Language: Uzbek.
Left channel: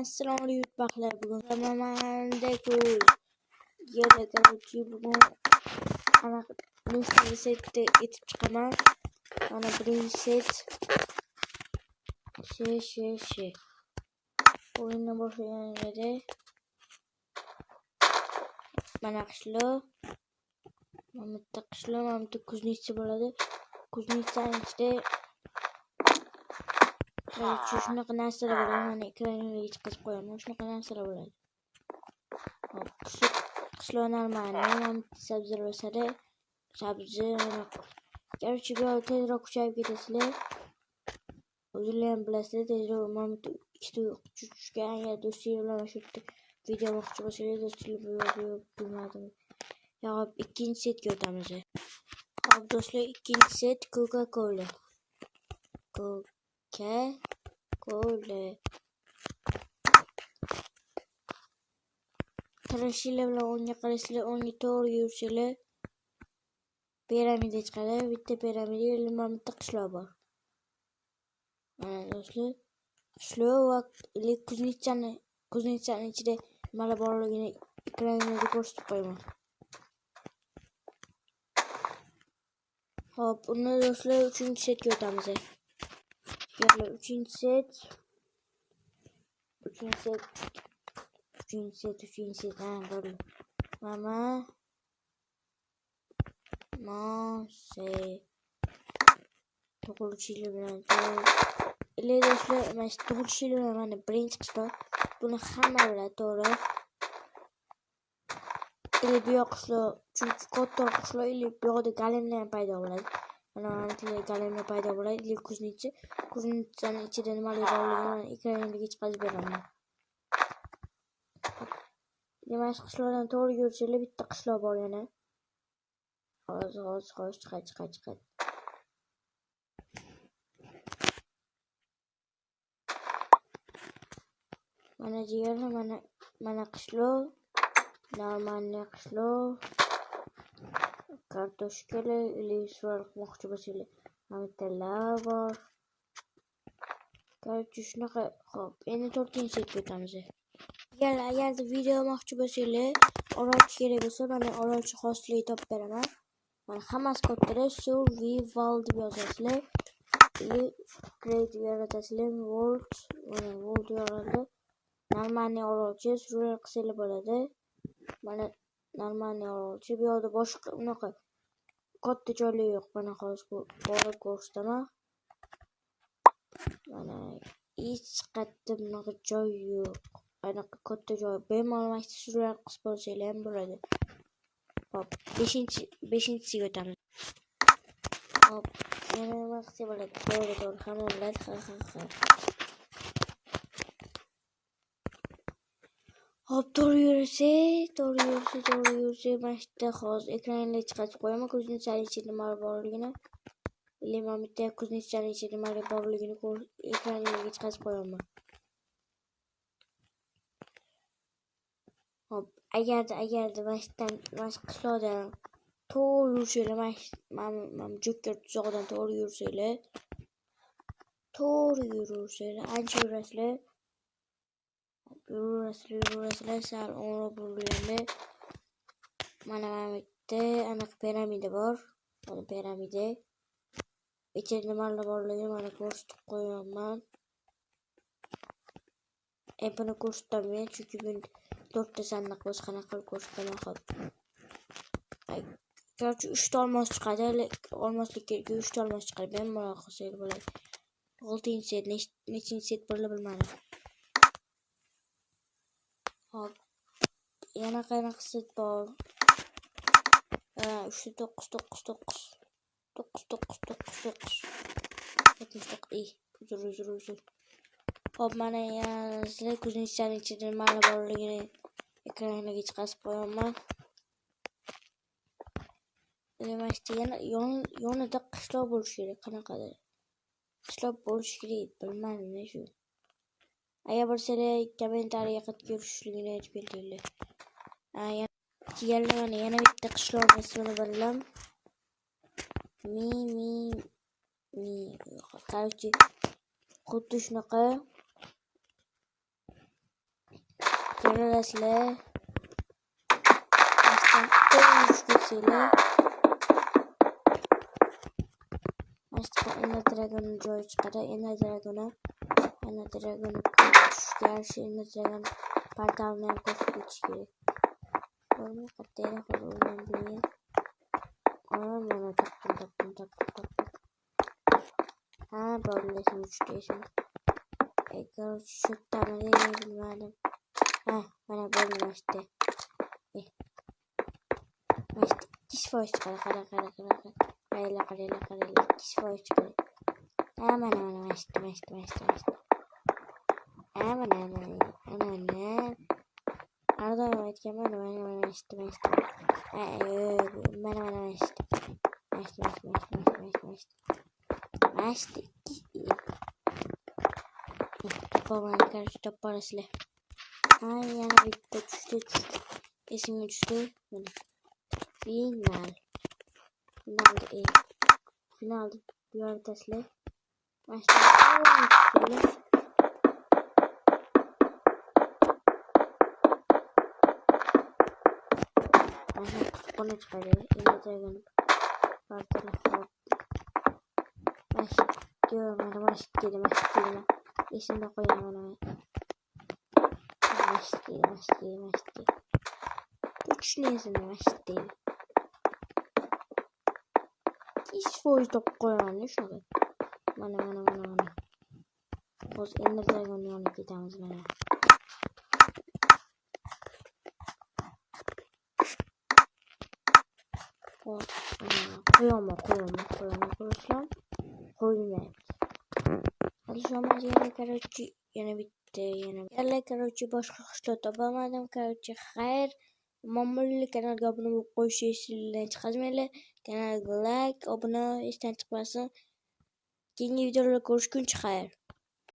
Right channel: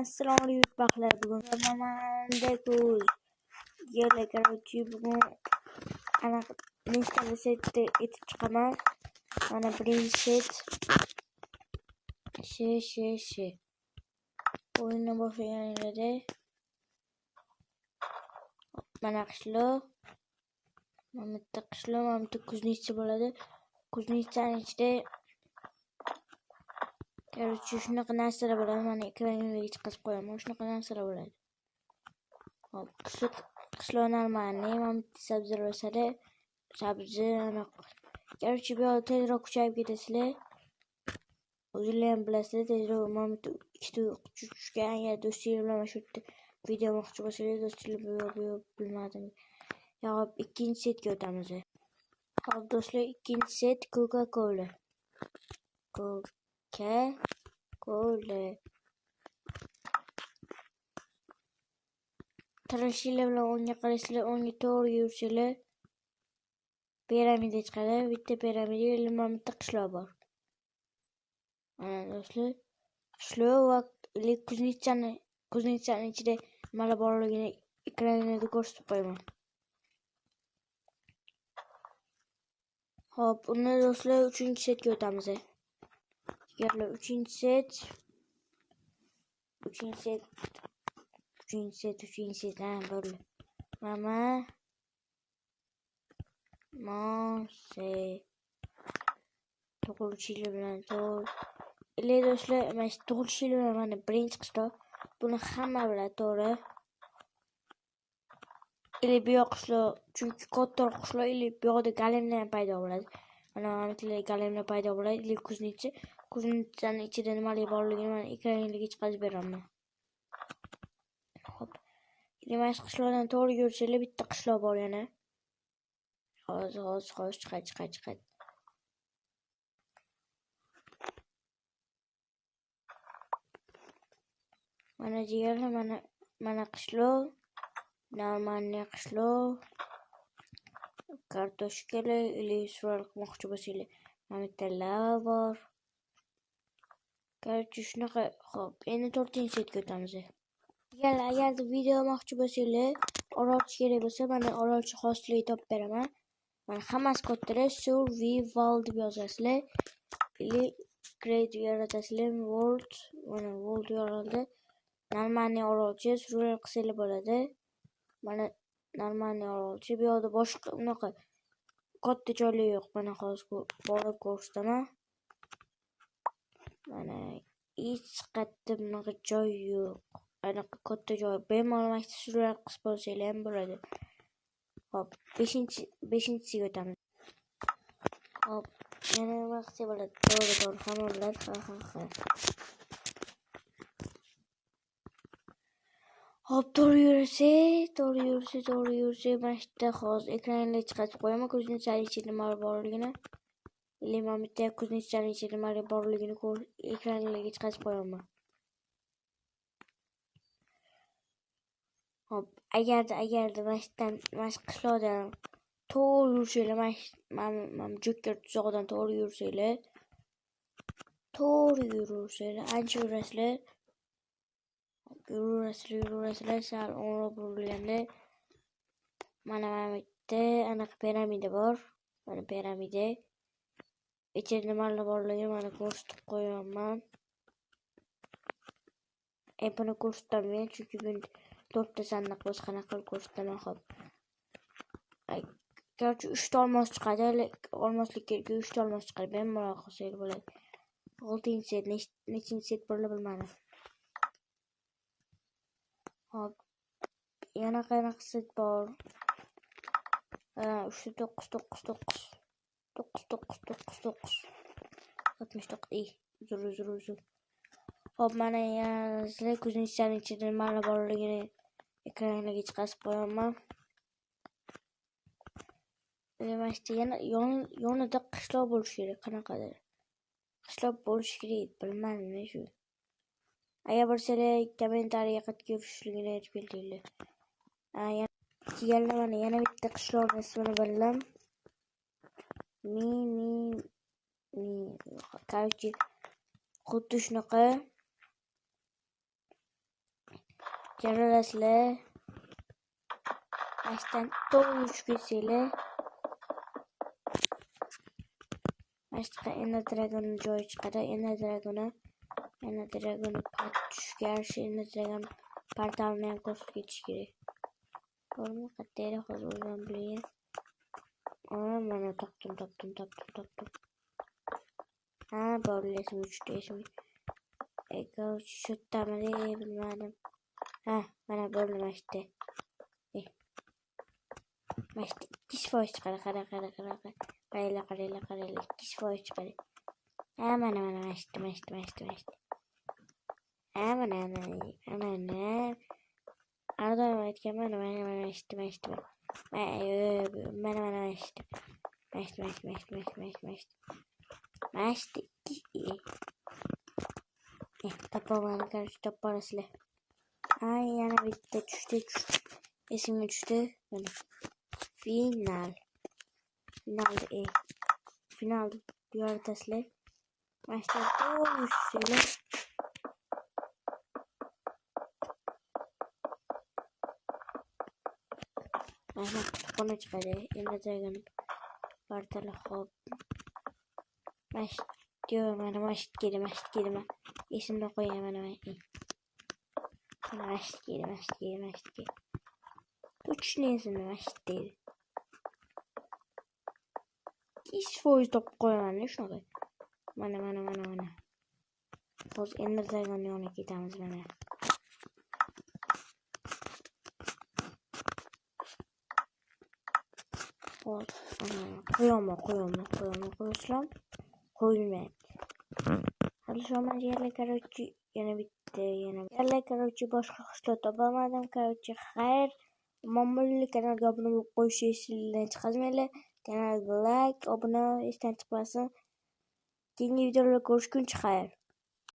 Assalomu alaykum baxtlar. Bugun Ramazonda yerda короче bugun anaqa nechta setni etib chiqaman. Mana birinchi set o'yinni boshlaganingizda mana qishloq, mana bitta qishloq, mana bitta kuznitsa bo'ladi. Kuznitsaning ichida shunaqa narsalar bo'ladi. Mana ekranga chiqarib qo'yaman. Shunaqa narsalar bo'ladi. Hop, qishloq normalniy, mana bitta sabzilar o'sadi. Sabzi короче bu yerda tezroq kuchayib ketasizlar. O'zinglar ham bilasizlar, tezroq mana bitta ikkita tushgan. Ya do'stinglar bilan shu yerda video olmoqchi bo'lsangiz, do'stinglar bilmadim. Ya hop, ikkinchi setga o'tamiz. Hop do'stlar, ikkinchi set Coca-Cola. Tarashinglar bilan o'ngga qarasizlar, o'ngga to'g'ri yursanglar piramida chiqadi. Bitta piramida, mana bitta qishloq bor. Mana do'stlar, qishloq va kuznitsaning ichida nimalar borligini ekranga ko'rsatib qo'yaman. Hop, unda do'stlar 3-setga o'tamiz. Yana 3-set. Bo'ldi. Mama Mose tug'ilishinglar bilan do'stlar, mana tug'ilishinglar bilan mana birinchi qishloq. Buni hamma biladi, to'g'ri. Bu yoq qishloq, chunki kattaroq qishloq, bu yoqda galemlar ham paydo bo'ladi. Mana galemlar paydo bo'ladi. Kuznitsaning ichida nimalar borligini mana ekranga chiqarib beraman. Mana shu qishloqdan to'g'ri yursanglar bitta qishloq bor yana. Hozir chiqadi. Mana jigarlar, mana qishloq, normalniy qishloq. Kartoshkalar, surat qilmoqchi bo'lsanglar, mana bitta lava bor. Короче shunaqa. Hop, endi 4-setga o'tamiz. Agarda video olmoqchi bo'lsanglar, orolchi kerak bo'lsa, mana orolchi xosligini topib beraman. Mana hammasi kattalar, survival deb yozasizlar. Create yaratasizlar, world yorildi. Normalniy orolchi survival qilsanglar bo'ladi. Mana normalniy orolchi, bu yerda boshqa unaqa katta joylar yo'q. Mana hozir borib ko'rsataman. Mana hech qayerda bunaqa joy yo'q. Anaqa katta joy. Bemalol survival qilib bo'lsanglar ham bo'ladi. Hop, 5-siga o'tamiz. Hop, yana nima qilsa bo'ladi? To'g'ri, hamma biladi. Ha. Hop, to'g'ri yursa, mana shu yerda hozir ekranga chiqarib qo'yaman. Kuznitsaning ichida nimalar borligini. Mana bitta kuznitsaning ichida nimalar borligini ekranga chiqarib qo'yaman. Hop, agarda mana shu qishloqdan to'g'ri yursanglar, mana Joker tuzog'idan to'g'ri yursanglar, ancha yurasizlar. Yuraverasizlar, sal o'nroq burilganda mana bitta anaqa piramida bor. Mana piramida. Ichida nimalar borligini mana ko'rsatib qo'yaman. Buni ko'rsataman, chunki bu 4ta sandiq bo'lsa qanaqa qilib ko'rsataman. Hop. Короче 3 ta olmos chiqadi. Olmoslik kerak, 3 ta olmos chiqadi. Bemalol qilsangiz bo'ladi. 6-set, nechinchi set bo'ladi bilmadim. Hop. Yana qanaqa set bor? 9. 79. Uzr. Hop, mana yana sizlar kuznitsaning ichida nimalar borligini ekranga chiqarib qo'yaman. Yana yonida qishloq bo'lishi kerak. Qanaqadir qishloq bo'lishi kerak, bilmadim shu. Agar bilsanglar kommentariyaga qatib ko'rishligini aytib kelinglar. Yana bitta qishloqning ismini bildim. Короче xuddi shunaqa Görürsüzler. Baştan olmuş güzel. Başta Ender Dragon'un joy çıkardı. Ender Dragon'u gerçi Ender Dragon part almayan koşu geçişleri. Onu katlayla kozulan bile. Ama bana taptım. Ha böyle uçtu. Ego şu tamamı bilmedim. Ha bana böyle başladı. Başta diş voice kara. Karayla diş voice kara. Aman başta. Aman. Arada etken bana başta. Başta. Topa karşı top parası. Ay yana bitti düştü. İsim düştü. Böyle. Finalde diyor Tesla. Başta şöyle. Başta konu çıkardı. Ender Dragon parçalı hop. Başta diyor bana başta gelme. İsim de koyayım bana. Başta gelme. Üç neyse başta. Hiç voice top koyamam. Ne şunu? Bana. Boz Ender Dragon'u onu gidemez bana. Koyulmayayım. Hadi şu an yerle karıcı yine bitti. Yerle karıcı başka kuşla tapamadım. Karıcı hayır. Mamulli kanalga abone olup koşu yeşilliğine çıkazmayla. Kanalga like, abone isten çıkmasın. Yeni videolarla görüşürüz. Hayır.